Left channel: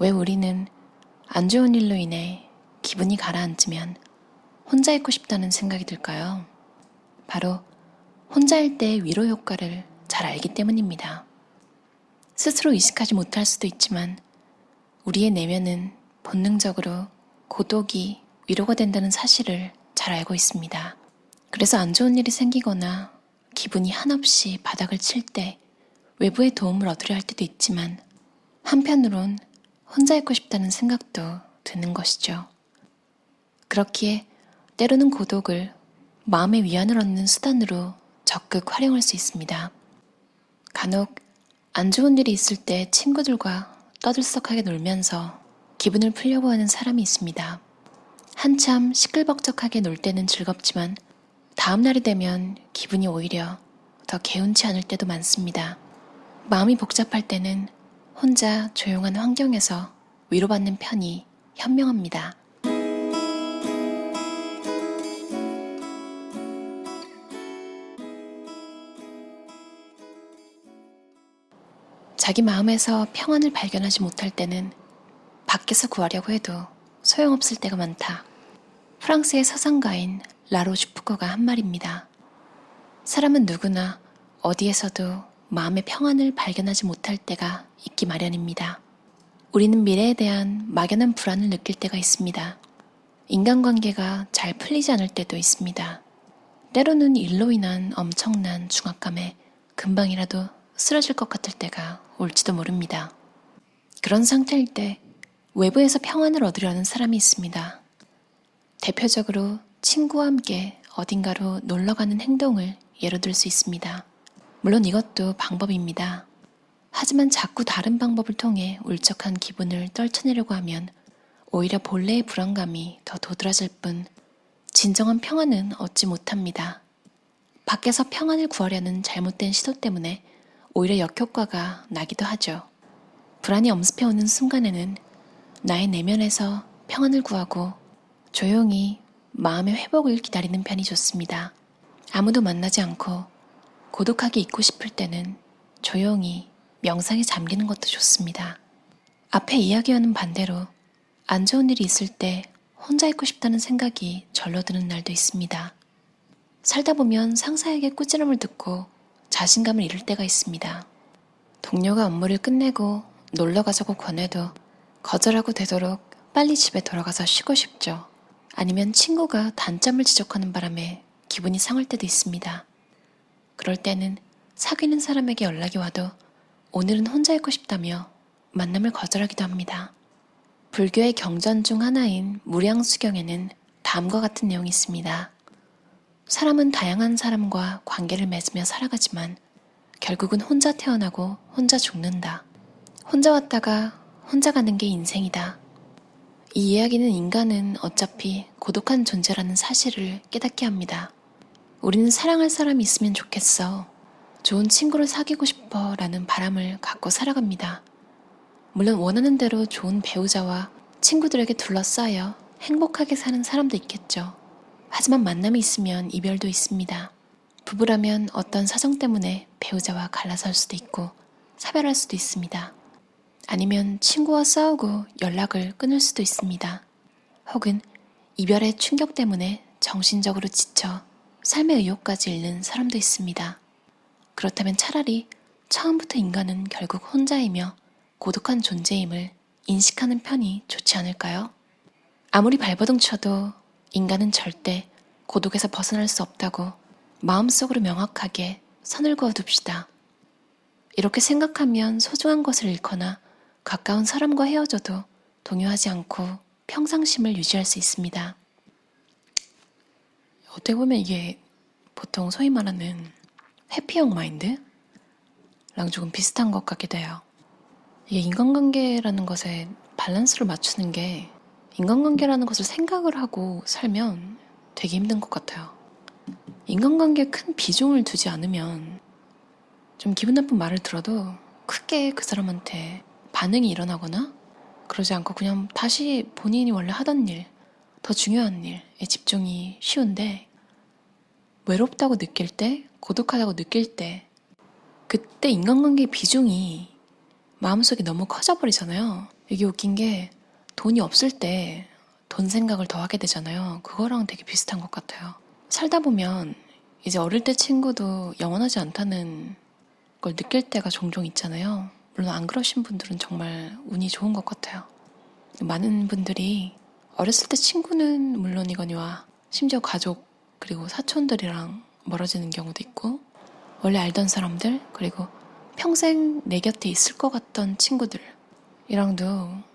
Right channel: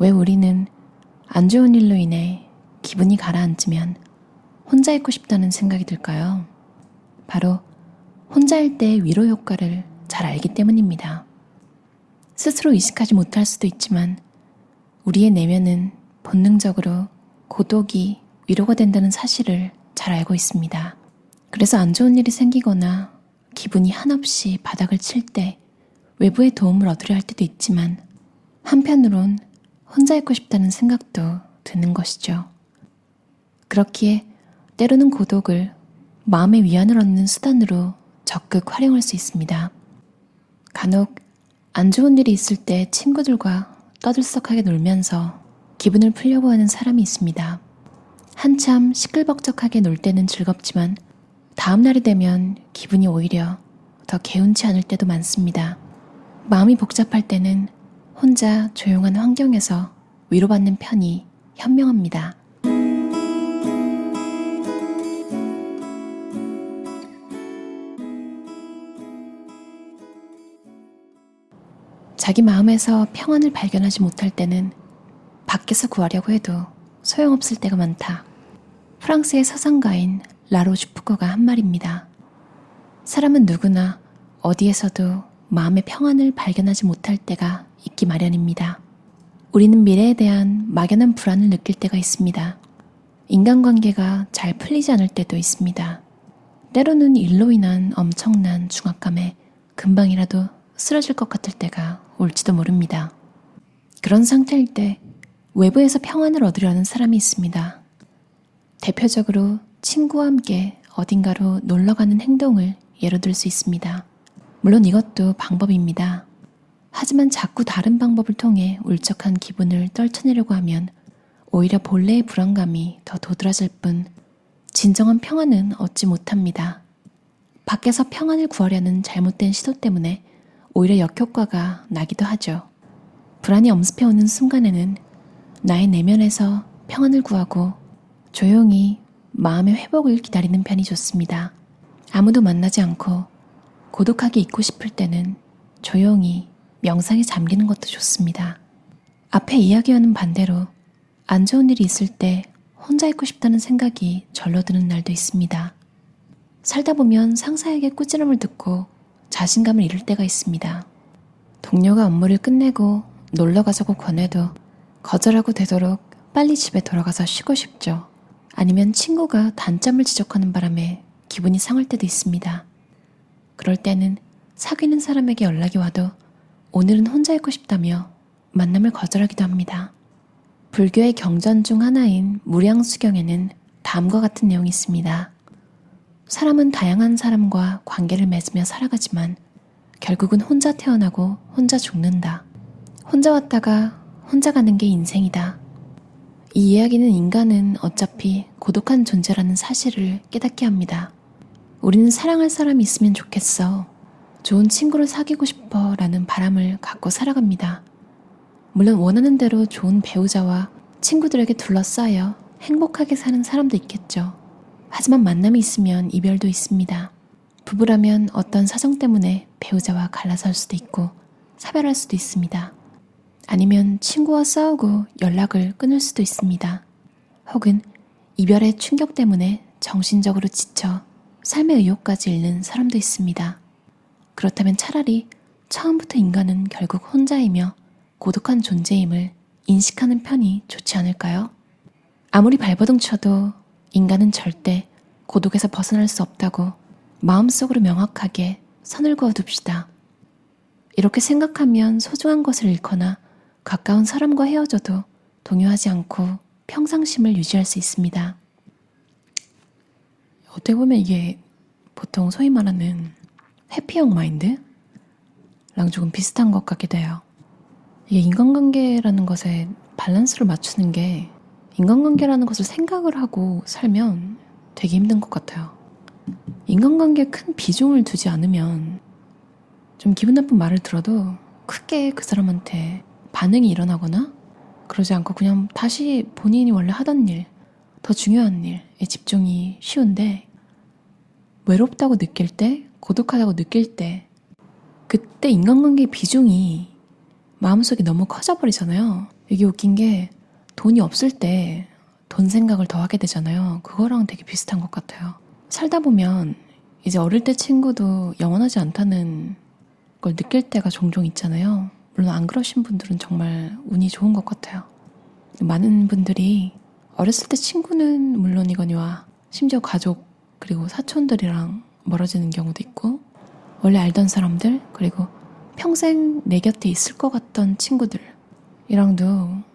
왜 우리는 안 좋은 일로 인해 기분이 가라앉으면 혼자 있고 싶다는 생각이 들까요? 바로 혼자일 때의 위로 효과를 잘 알기 때문입니다. 스스로 의식하지 못할 수도 있지만 우리의 내면은 본능적으로 고독이 위로가 된다는 사실을 잘 알고 있습니다. 그래서 안 좋은 일이 생기거나 기분이 한없이 바닥을 칠 때 외부의 도움을 얻으려 할 때도 있지만 한편으론 혼자 있고 싶다는 생각도 드는 것이죠. 그렇기에 때로는 고독을 마음의 위안을 얻는 수단으로 적극 활용할 수 있습니다. 간혹 안 좋은 일이 있을 때 친구들과 떠들썩하게 놀면서 기분을 풀려고 하는 사람이 있습니다. 한참 시끌벅적하게 놀 때는 즐겁지만 다음 날이 되면 기분이 오히려 더 개운치 않을 때도 많습니다. 마음이 복잡할 때는 혼자 조용한 환경에서 위로받는 편이 현명합니다. 자기 마음에서 평안을 발견하지 못할 때는 밖에서 구하려고 해도 소용없을 때가 많다. 프랑스의 서상가인 라로슈프코가 한 말입니다. 사람은 누구나 어디에서도 마음의 평안을 발견하지 못할 때가 있기 마련입니다. 우리는 미래에 대한 막연한 불안을 느낄 때가 있습니다. 인간관계가 잘 풀리지 않을 때도 있습니다. 때로는 일로 인한 엄청난 중압감에 금방이라도 쓰러질 것 같을 때가 올지도 모릅니다. 그런 상태일 때 외부에서 평안을 얻으려는 사람이 있습니다. 대표적으로 친구와 함께 어딘가로 놀러가는 행동을 예로 들 수 있습니다. 물론 이것도 방법입니다. 하지만 자꾸 다른 방법을 통해 울적한 기분을 떨쳐내려고 하면 오히려 본래의 불안감이 더 도드라질 뿐 진정한 평안은 얻지 못합니다. 밖에서 평안을 구하려는 잘못된 시도 때문에 오히려 역효과가 나기도 하죠. 불안이 엄습해오는 순간에는 나의 내면에서 평안을 구하고 조용히 마음의 회복을 기다리는 편이 좋습니다. 아무도 만나지 않고 고독하게 있고 싶을 때는 조용히 명상에 잠기는 것도 좋습니다. 앞에 이야기와는 반대로 안 좋은 일이 있을 때 혼자 있고 싶다는 생각이 절로 드는 날도 있습니다. 살다 보면 상사에게 꾸지람을 듣고 자신감을 잃을 때가 있습니다. 동료가 업무를 끝내고 놀러 가자고 권해도 거절하고 되도록 빨리 집에 돌아가서 쉬고 싶죠. 아니면 친구가 단점을 지적하는 바람에 기분이 상할 때도 있습니다. 그럴 때는 사귀는 사람에게 연락이 와도 오늘은 혼자 있고 싶다며 만남을 거절하기도 합니다. 불교의 경전 중 하나인 무량수경에는 다음과 같은 내용이 있습니다. 사람은 다양한 사람과 관계를 맺으며 살아가지만 결국은 혼자 태어나고 혼자 죽는다. 혼자 왔다가 혼자 가는 게 인생이다. 이 이야기는 인간은 어차피 고독한 존재라는 사실을 깨닫게 합니다. 우리는 사랑할 사람이 있으면 좋겠어. 좋은 친구를 사귀고 싶어 라는 바람을 갖고 살아갑니다. 물론 원하는 대로 좋은 배우자와 친구들에게 둘러싸여 행복하게 사는 사람도 있겠죠. 하지만 만남이 있으면 이별도 있습니다. 부부라면 어떤 사정 때문에 배우자와 갈라설 수도 있고 사별할 수도 있습니다. 아니면 친구와 싸우고 연락을 끊을 수도 있습니다. 혹은 이별의 충격 때문에 정신적으로 지쳐 삶의 의욕까지 잃는 사람도 있습니다. 그렇다면 차라리 처음부터 인간은 결국 혼자이며 고독한 존재임을 인식하는 편이 좋지 않을까요? 아무리 발버둥 쳐도 인간은 절대 고독에서 벗어날 수 없다고 마음속으로 명확하게 선을 그어둡시다. 이렇게 생각하면 소중한 것을 잃거나 가까운 사람과 헤어져도 동요하지 않고 평상심을 유지할 수 있습니다. 어떻게 보면 이게 보통 소위 말하는 해피형 마인드랑 조금 비슷한 것 같기도 해요. 이게 인간관계라는 것에 밸런스를 맞추는 게 인간관계라는 것을 생각을 하고 살면 되게 힘든 것 같아요. 인간관계에 큰 비중을 두지 않으면 좀 기분 나쁜 말을 들어도 크게 그 사람한테 반응이 일어나거나 그러지 않고 그냥 다시 본인이 원래 하던 일, 더 중요한 일에 집중이 쉬운데 외롭다고 느낄 때, 고독하다고 느낄 때 그때 인간관계의 비중이 마음속에 너무 커져버리잖아요. 이게 웃긴 게 돈이 없을 때 돈 생각을 더 하게 되잖아요. 그거랑 되게 비슷한 것 같아요. 살다 보면 이제 어릴 때 친구도 영원하지 않다는 걸 느낄 때가 종종 있잖아요. 물론 안 그러신 분들은 정말 운이 좋은 것 같아요. 많은 분들이 어렸을 때 친구는 물론이거니와 심지어 가족 그리고 사촌들이랑 멀어지는 경우도 있고 원래 알던 사람들 그리고 평생 내 곁에 있을 것 같던 친구들이랑도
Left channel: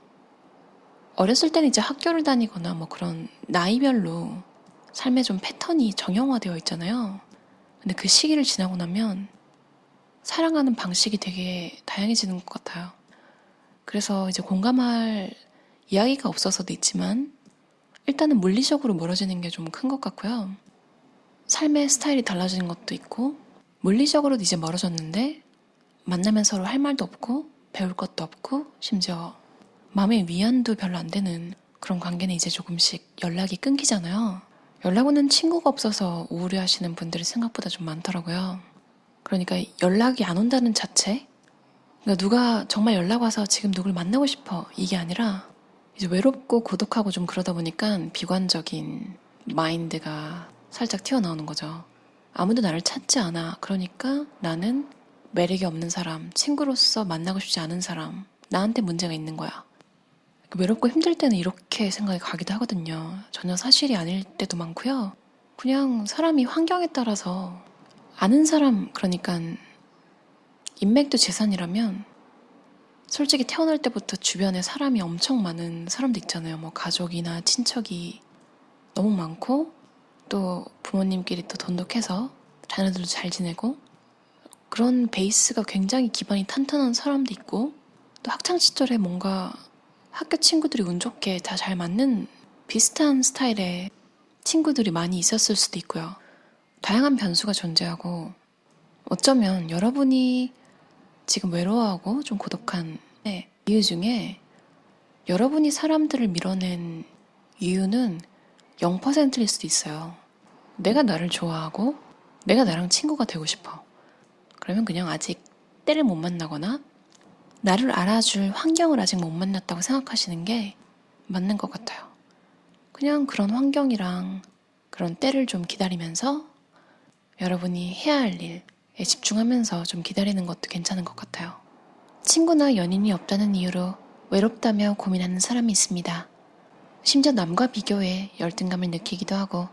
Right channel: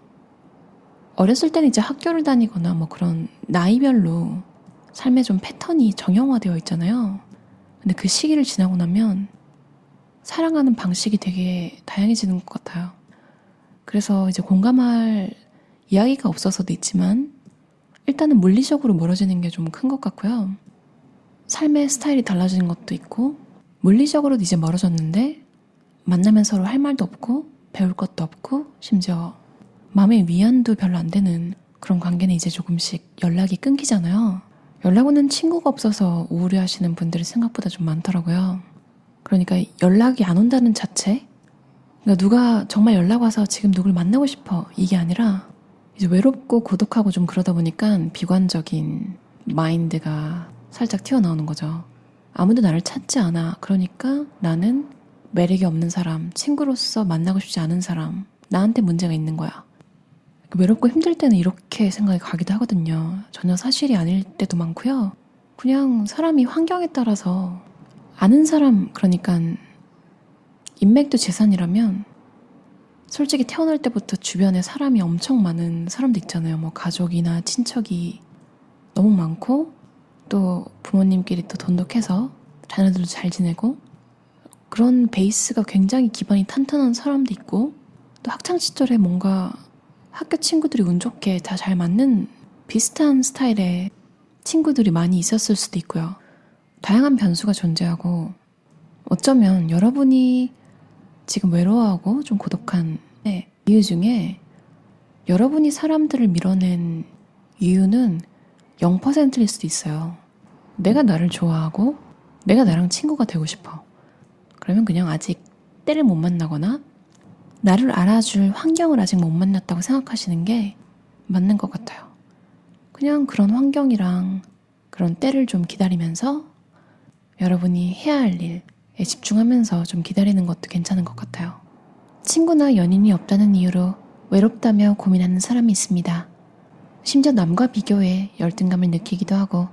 어렸을 때는 이제 학교를 다니거나 뭐 그런 나이별로 삶의 좀 패턴이 정형화되어 있잖아요. 근데 그 시기를 지나고 나면 사랑하는 방식이 되게 다양해지는 것 같아요. 그래서 이제 공감할 이야기가 없어서도 있지만 일단은 물리적으로 멀어지는 게 좀 큰 것 같고요. 삶의 스타일이 달라지는 것도 있고 물리적으로도 이제 멀어졌는데 만나면 서로 할 말도 없고 배울 것도 없고 심지어 마음의 위안도 별로 안 되는 그런 관계는 이제 조금씩 연락이 끊기잖아요. 연락 오는 친구가 없어서 우울해하시는 분들이 생각보다 좀 많더라고요. 그러니까 연락이 안 온다는 자체? 그러니까 누가 정말 연락 와서 지금 누굴 만나고 싶어 이게 아니라 이제 외롭고 고독하고 좀 그러다 보니까 비관적인 마인드가 살짝 튀어나오는 거죠. 아무도 나를 찾지 않아. 그러니까 나는 매력이 없는 사람, 친구로서 만나고 싶지 않은 사람, 나한테 문제가 있는 거야. 외롭고 힘들 때는 이렇게 생각이 가기도 하거든요. 전혀 사실이 아닐 때도 많고요. 그냥 사람이 환경에 따라서 아는 사람, 그러니까 인맥도 재산이라면 솔직히 태어날 때부터 주변에 사람이 엄청 많은 사람도 있잖아요. 뭐 가족이나 친척이 너무 많고 또 부모님끼리 또 돈독해서 자녀들도 잘 지내고 그런 베이스가 굉장히 기반이 탄탄한 사람도 있고 또 학창 시절에 뭔가 학교 친구들이 운 좋게 다 잘 맞는 비슷한 스타일의 친구들이 많이 있었을 수도 있고요. 다양한 변수가 존재하고 어쩌면 여러분이 지금 외로워하고 좀 고독한 이유 중에 여러분이 사람들을 밀어낸 이유는 0%일 수도 있어요. 내가 나를 좋아하고 내가 나랑 친구가 되고 싶어. 그러면 그냥 아직 때를 못 만나거나 나를 알아줄 환경을 아직 못 만났다고 생각하시는 게 맞는 것 같아요. 그냥 그런 환경이랑 그런 때를 좀 기다리면서 여러분이 해야 할 일에 집중하면서 좀 기다리는 것도 괜찮은 것 같아요. 친구나 연인이 없다는 이유로 외롭다며 고민하는 사람이 있습니다. 심지어 남과 비교해 열등감을 느끼기도 하고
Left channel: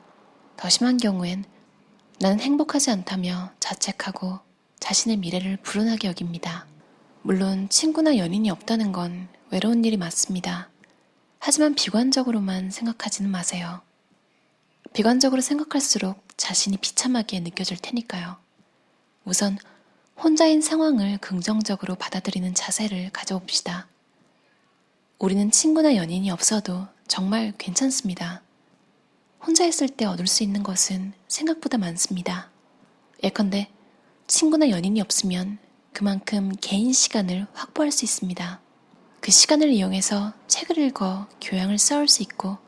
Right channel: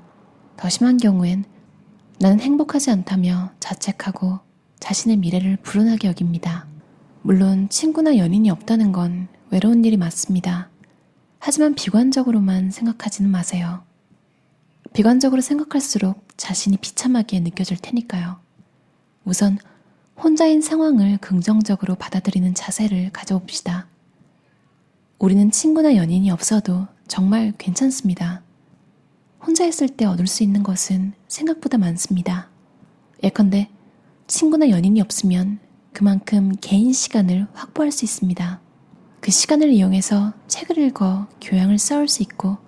더 심한 경우엔 나는 행복하지 않다며 자책하고 자신의 미래를 불운하게 여깁니다. 물론 친구나 연인이 없다는 건 외로운 일이 맞습니다. 하지만 비관적으로만 생각하지는 마세요. 비관적으로 생각할수록 자신이 비참하게 느껴질 테니까요. 우선 혼자인 상황을 긍정적으로 받아들이는 자세를 가져봅시다. 우리는 친구나 연인이 없어도 정말 괜찮습니다. 혼자 있을 때 얻을 수 있는 것은 생각보다 많습니다. 예컨대 친구나 연인이 없으면 그만큼 개인 시간을 확보할 수 있습니다. 그 시간을 이용해서 책을 읽어 교양을 쌓을 수 있고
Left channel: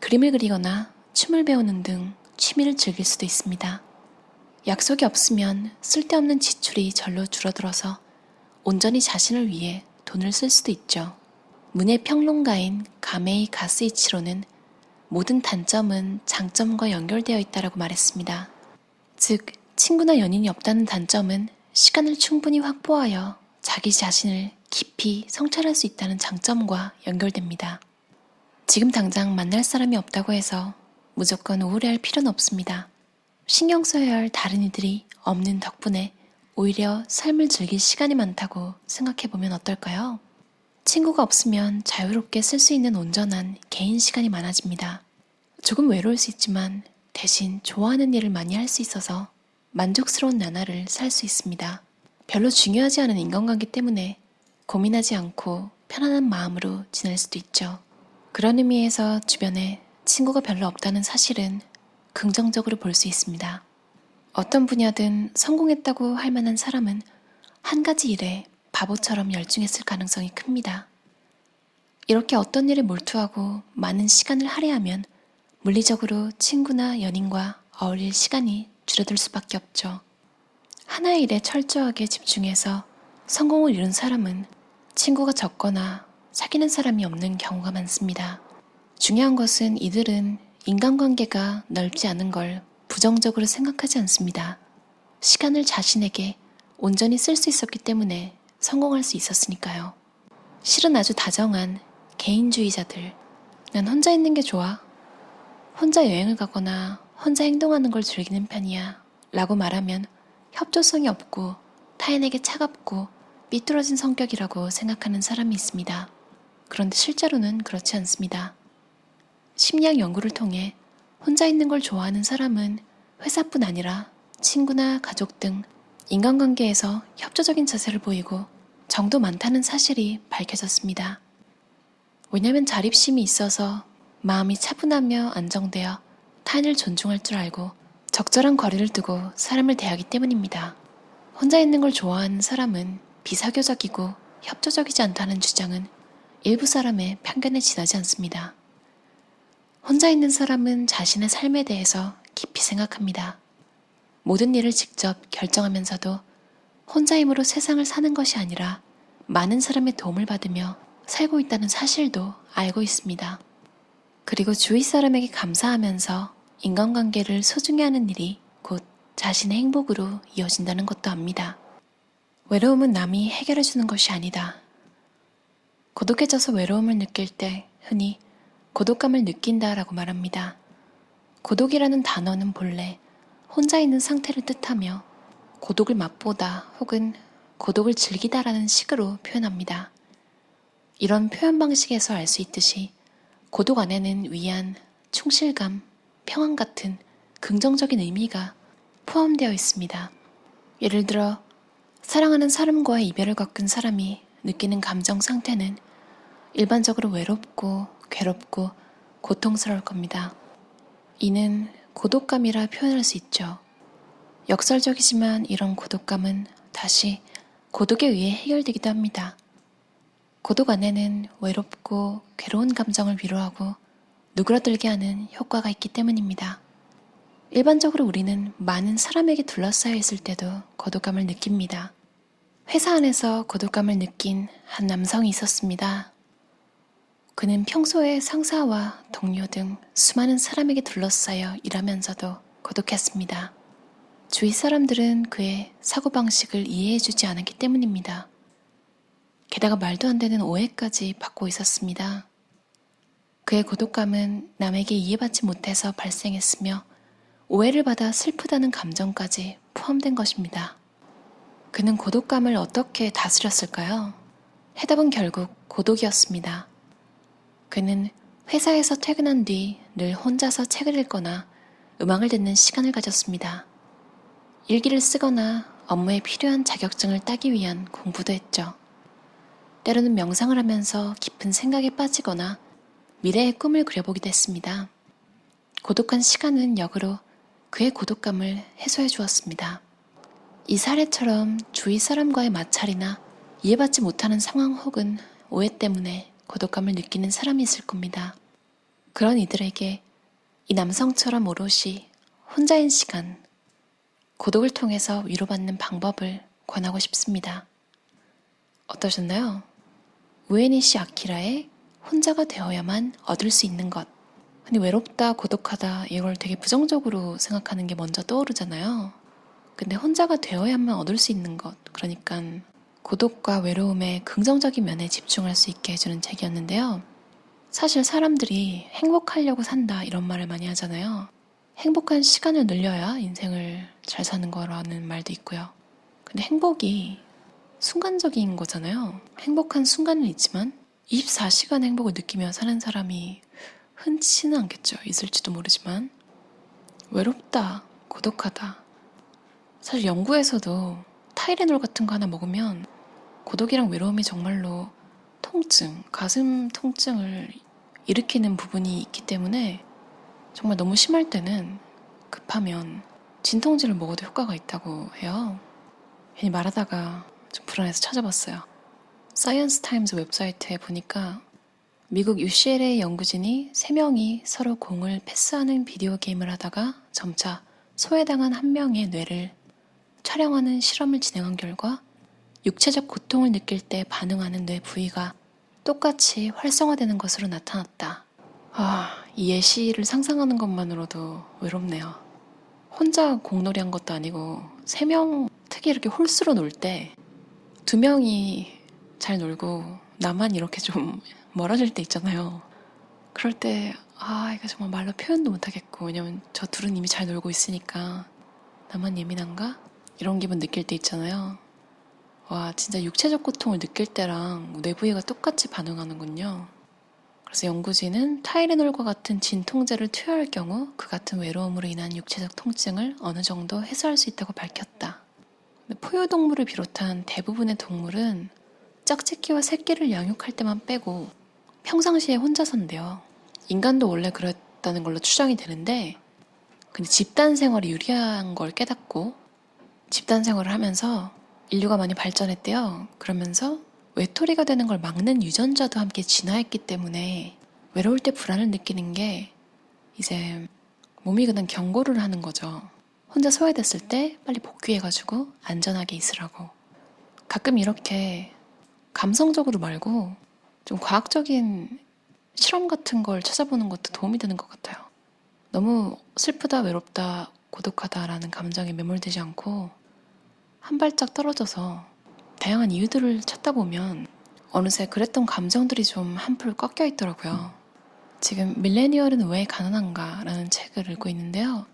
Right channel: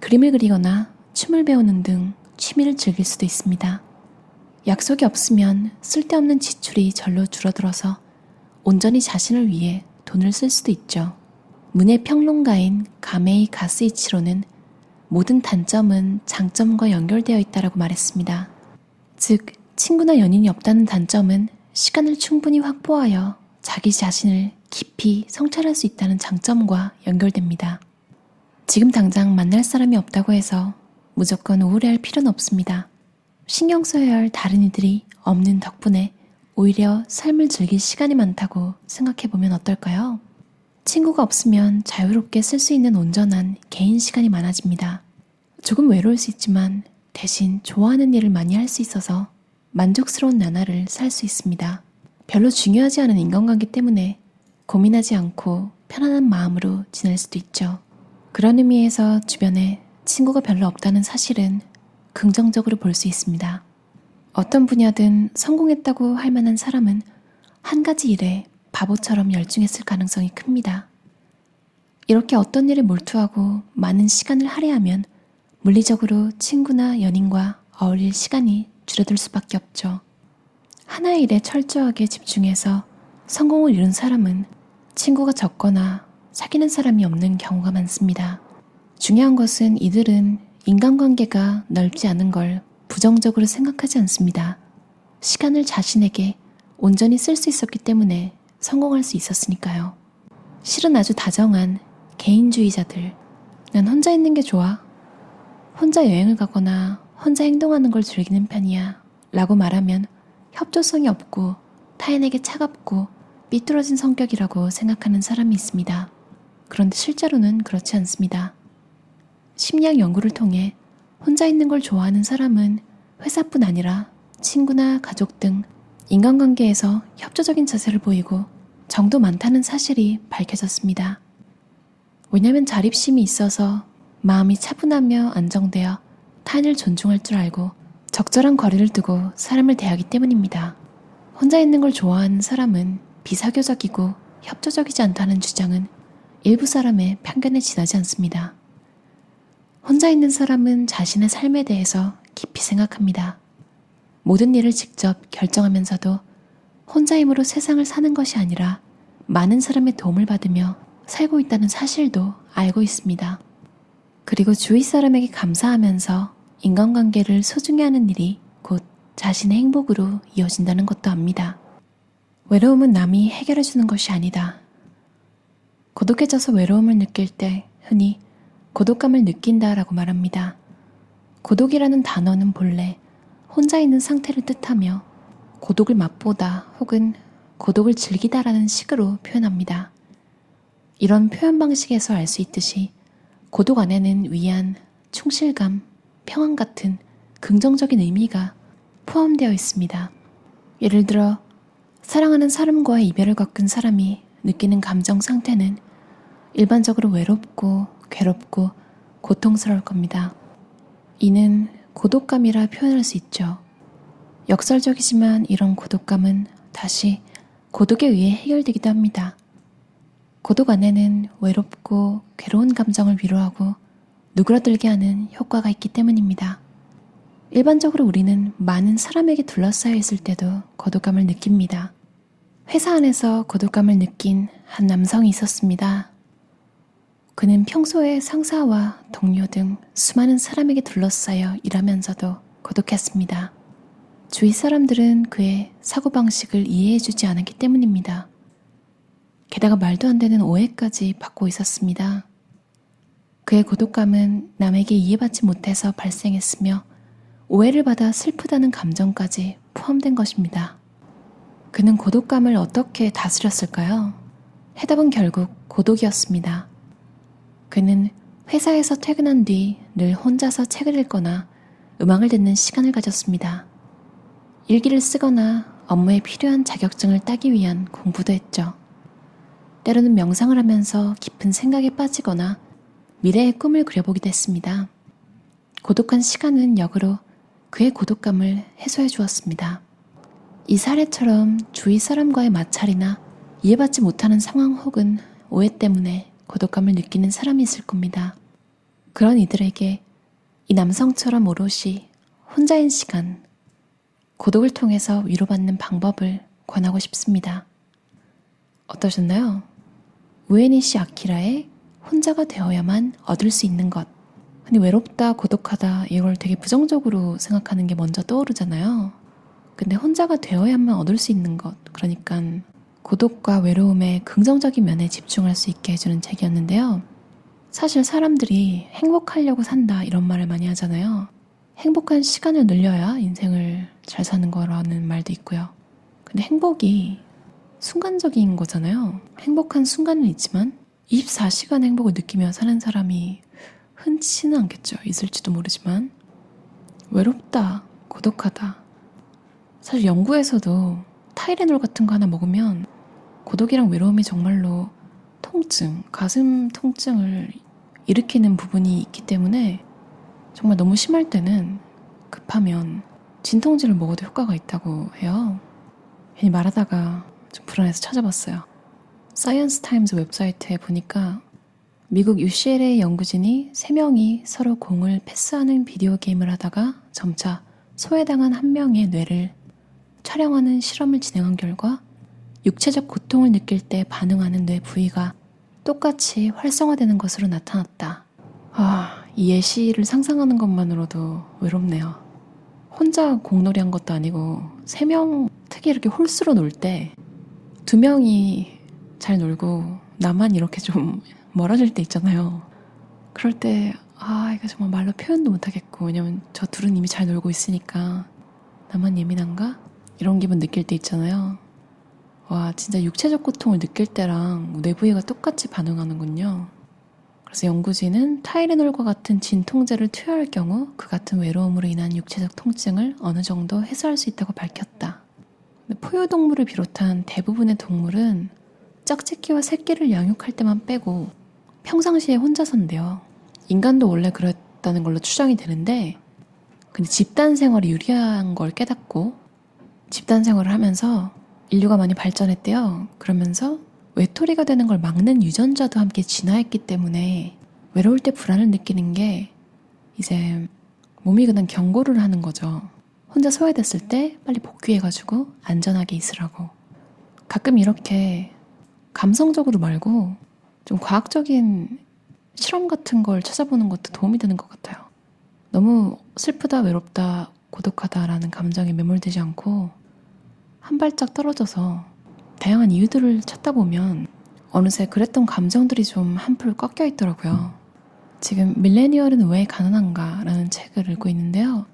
그림을 그리거나 춤을 배우는 등 취미를 즐길 수도 있습니다. 약속이 없으면 쓸데없는 지출이 절로 줄어들어서 온전히 자신을 위해 돈을 쓸 수도 있죠. 문예 평론가인 가메이 가스이치로는 모든 단점은 장점과 연결되어 있다라고 말했습니다. 즉, 친구나 연인이 없다는 단점은 시간을 충분히 확보하여 자기 자신을 깊이 성찰할 수 있다는 장점과 연결됩니다. 지금 당장 만날 사람이 없다고 해서 무조건 우울해할 필요는 없습니다. 신경 써야 할 다른 이들이 없는 덕분에 오히려 삶을 즐길 시간이 많다고 생각해보면 어떨까요? 친구가 없으면 자유롭게 쓸 수 있는 온전한 개인 시간이 많아집니다. 조금 외로울 수 있지만 대신 좋아하는 일을 많이 할 수 있어서 만족스러운 나날을 살 수 있습니다. 별로 중요하지 않은 인간관계 때문에 고민하지 않고 편안한 마음으로 지낼 수도 있죠. 그런 의미에서 주변에 친구가 별로 없다는 사실은 긍정적으로 볼 수 있습니다. 어떤 분야든 성공했다고 할 만한 사람은 한 가지 일에 바보처럼 열중했을 가능성이 큽니다. 이렇게 어떤 일에 몰두하고 많은 시간을 할애하면 물리적으로 친구나 연인과 어울릴 시간이 줄어들 수밖에 없죠. 하나의 일에 철저하게 집중해서 성공을 이룬 사람은 친구가 적거나 사귀는 사람이 없는 경우가 많습니다. 중요한 것은 이들은 인간관계가 넓지 않은 걸 부정적으로 생각하지 않습니다. 시간을 자신에게 온전히 쓸 수 있었기 때문에 성공할 수 있었으니까요. 실은 아주 다정한 개인주의자들, 난 혼자 있는 게 좋아. 혼자 여행을 가거나 혼자 행동하는 걸 즐기는 편이야 라고 말하면 협조성이 없고 타인에게 차갑고 삐뚤어진 성격이라고 생각하는 사람이 있습니다. 그런데 실제로는 그렇지 않습니다. 심리학 연구를 통해 혼자 있는 걸 좋아하는 사람은 회사뿐 아니라 친구나 가족 등 인간관계에서 협조적인 자세를 보이고 정도 많다는 사실이 밝혀졌습니다. 왜냐하면 자립심이 있어서 마음이 차분하며 안정되어 타인을 존중할 줄 알고 적절한 거리를 두고 사람을 대하기 때문입니다. 혼자 있는 걸 좋아하는 사람은 비사교적이고 협조적이지 않다는 주장은 일부 사람의 편견에 지나지 않습니다. 혼자 있는 사람은 자신의 삶에 대해서 깊이 생각합니다. 모든 일을 직접 결정하면서도 혼자 힘으로 세상을 사는 것이 아니라 많은 사람의 도움을 받으며 살고 있다는 사실도 알고 있습니다. 그리고 주위 사람에게 감사하면서 인간관계를 소중히 하는 일이 곧 자신의 행복으로 이어진다는 것도 압니다. 외로움은 남이 해결해주는 것이 아니다. 고독해져서 외로움을 느낄 때 흔히 고독감을 느낀다라고 말합니다. 고독이라는 단어는 본래 혼자 있는 상태를 뜻하며 고독을 맛보다 혹은 고독을 즐기다라는 식으로 표현합니다. 이런 표현 방식에서 알 수 있듯이 고독 안에는 위안, 충실감, 평안 같은 긍정적인 의미가 포함되어 있습니다. 예를 들어 사랑하는 사람과의 이별을 겪은 사람이 느끼는 감정 상태는 일반적으로 외롭고 괴롭고 고통스러울 겁니다. 이는 고독감이라 표현할 수 있죠. 역설적이지만 이런 고독감은 다시 고독에 의해 해결되기도 합니다. 고독 안에는 외롭고 괴로운 감정을 위로하고 누그러들게 하는 효과가 있기 때문입니다. 일반적으로 우리는 많은 사람에게 둘러싸여 있을 때도 고독감을 느낍니다. 회사 안에서 고독감을 느낀 한 남성이 있었습니다. 그는 평소에 상사와 동료 등 수많은 사람에게 둘러싸여 일하면서도 고독했습니다. 주위 사람들은 그의 사고방식을 이해해주지 않았기 때문입니다. 게다가 말도 안 되는 오해까지 받고 있었습니다. 그의 고독감은 남에게 이해받지 못해서 발생했으며 오해를 받아 슬프다는 감정까지 포함된 것입니다. 그는 고독감을 어떻게 다스렸을까요? 해답은 결국 고독이었습니다. 그는 회사에서 퇴근한 뒤 늘 혼자서 책을 읽거나 음악을 듣는 시간을 가졌습니다. 일기를 쓰거나 업무에 필요한 자격증을 따기 위한 공부도 했죠. 때로는 명상을 하면서 깊은 생각에 빠지거나 미래의 꿈을 그려보기도 했습니다. 고독한 시간은 역으로 그의 고독감을 해소해 주었습니다. 이 사례처럼 주위 사람과의 마찰이나 이해받지 못하는 상황 혹은 오해 때문에 고독감을 느끼는 사람이 있을 겁니다. 그런 이들에게 이 남성처럼 오롯이 혼자인 시간, 고독을 통해서 위로받는 방법을 권하고 싶습니다. 어떠셨나요? 우에니시 아키라의 혼자가 되어야만 얻을 수 있는 것. 아니, 외롭다, 고독하다 이걸 되게 부정적으로 생각하는 게 먼저 떠오르잖아요. 근데 혼자가 되어야만 얻을 수 있는 것. 그러니까 고독과 외로움의 긍정적인 면에 집중할 수 있게 해주는 책이었는데요. 사실 사람들이 행복하려고 산다 이런 말을 많이 하잖아요. 행복한 시간을 늘려야 인생을 잘 사는 거라는 말도 있고요. 근데 행복이 순간적인 거잖아요. 행복한 순간은 있지만 24시간 행복을 느끼며 사는 사람이 흔치는 않겠죠. 있을지도 모르지만. 외롭다, 고독하다. 사실 연구에서도 타이레놀 같은 거 하나 먹으면 고독이랑 외로움이 정말로 통증, 가슴 통증을 일으키는 부분이 있기 때문에 정말 너무 심할 때는 급하면 진통제를 먹어도 효과가 있다고 해요. 괜히 말하다가 좀 불안해서 찾아봤어요. 사이언스 타임즈 웹사이트에 보니까 미국 UCLA 연구진이 3명이 서로 공을 패스하는 비디오 게임을 하다가 점차 소외당한 한 명의 뇌를 촬영하는 실험을 진행한 결과 육체적 고통을 느낄 때 반응하는 뇌 부위가 똑같이 활성화되는 것으로 나타났다. 이 예시를 상상하는 것만으로도 외롭네요. 혼자 공놀이 한 것도 아니고 3명, 특히 이렇게 홀수로 놀 때 2명이 잘 놀고 나만 이렇게 좀 멀어질 때 있잖아요. 그럴 때 이거 정말 말로 표현도 못하겠고, 왜냐면 저 둘은 이미 잘 놀고 있으니까 나만 예민한가? 이런 기분 느낄 때 있잖아요. 와, 진짜 육체적 고통을 느낄 때랑 뇌부위가 똑같이 반응하는군요. 그래서 연구진은 타이레놀과 같은 진통제를 투여할 경우 그 같은 외로움으로 인한 육체적 통증을 어느 정도 해소할 수 있다고 밝혔다. 포유동물을 비롯한 대부분의 동물은 짝짓기와 새끼를 양육할 때만 빼고 평상시에 혼자 산대요. 인간도 원래 그랬다는 걸로 추정이 되는데, 근데 집단 생활이 유리한 걸 깨닫고 집단 생활을 하면서 인류가 많이 발전했대요. 그러면서 외톨이가 되는 걸 막는 유전자도 함께 진화했기 때문에 외로울 때 불안을 느끼는 게 이제 몸이 그냥 경고를 하는 거죠. 혼자 소외됐을 때 빨리 복귀해가지고 안전하게 있으라고. 가끔 이렇게 감성적으로 말고 좀 과학적인 실험 같은 걸 찾아보는 것도 도움이 되는 것 같아요. 너무 슬프다, 외롭다, 고독하다라는 감정에 매몰되지 않고 한 발짝 떨어져서 다양한 이유들을 찾다 보면 어느새 그랬던 감정들이 좀 한풀 꺾여 있더라고요. 지금 밀레니얼은 왜 가난한가 라는 책을 읽고 있는데요.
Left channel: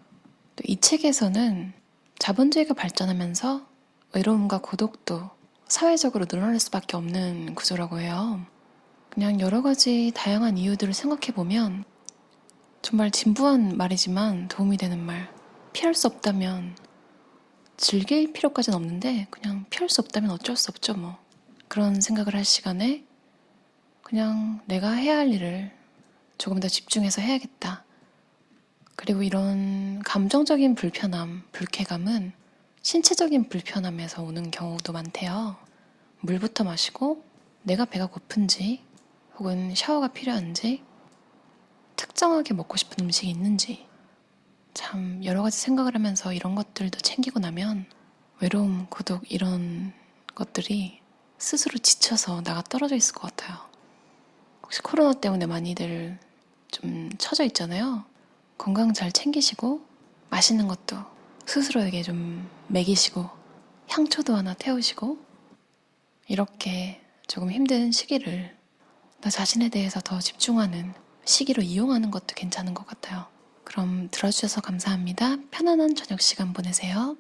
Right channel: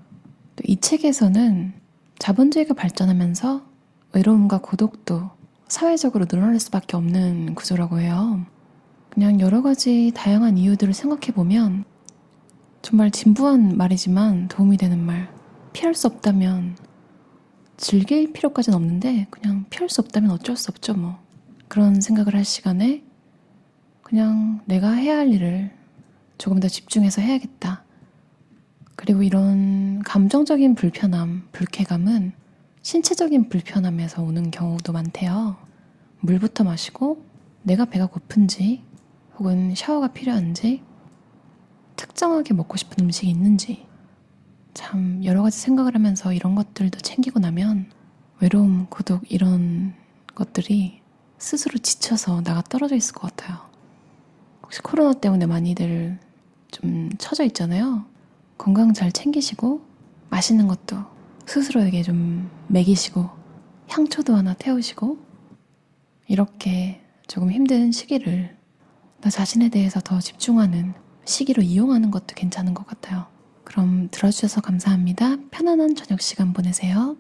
또 이 책에서는 자본주의가 발전하면서 외로움과 고독도 사회적으로 늘어날 수밖에 없는 구조라고 해요. 그냥 여러 가지 다양한 이유들을 생각해보면 정말 진부한 말이지만 도움이 되는 말. 피할 수 없다면 즐길 필요까지는 없는데 그냥 피할 수 없다면 어쩔 수 없죠 뭐. 그런 생각을 할 시간에 그냥 내가 해야 할 일을 조금 더 집중해서 해야겠다. 그리고 이런 감정적인 불편함, 불쾌감은 신체적인 불편함에서 오는 경우도 많대요. 물부터 마시고 내가 배가 고픈지 혹은 샤워가 필요한지 특정하게 먹고 싶은 음식이 있는지 참 여러 가지 생각을 하면서 이런 것들도 챙기고 나면 외로움, 고독 이런 것들이 스스로 지쳐서 나가 떨어져 있을 것 같아요. 혹시 코로나 때문에 많이들 좀 처져 있잖아요. 건강 잘 챙기시고 맛있는 것도 스스로에게 좀 먹이시고 향초도 하나 태우시고 이렇게 조금 힘든 시기를 나 자신에 대해서 더 집중하는 시기로 이용하는 것도 괜찮은 것 같아요. 그럼 들어주셔서 감사합니다. 편안한 저녁 시간 보내세요.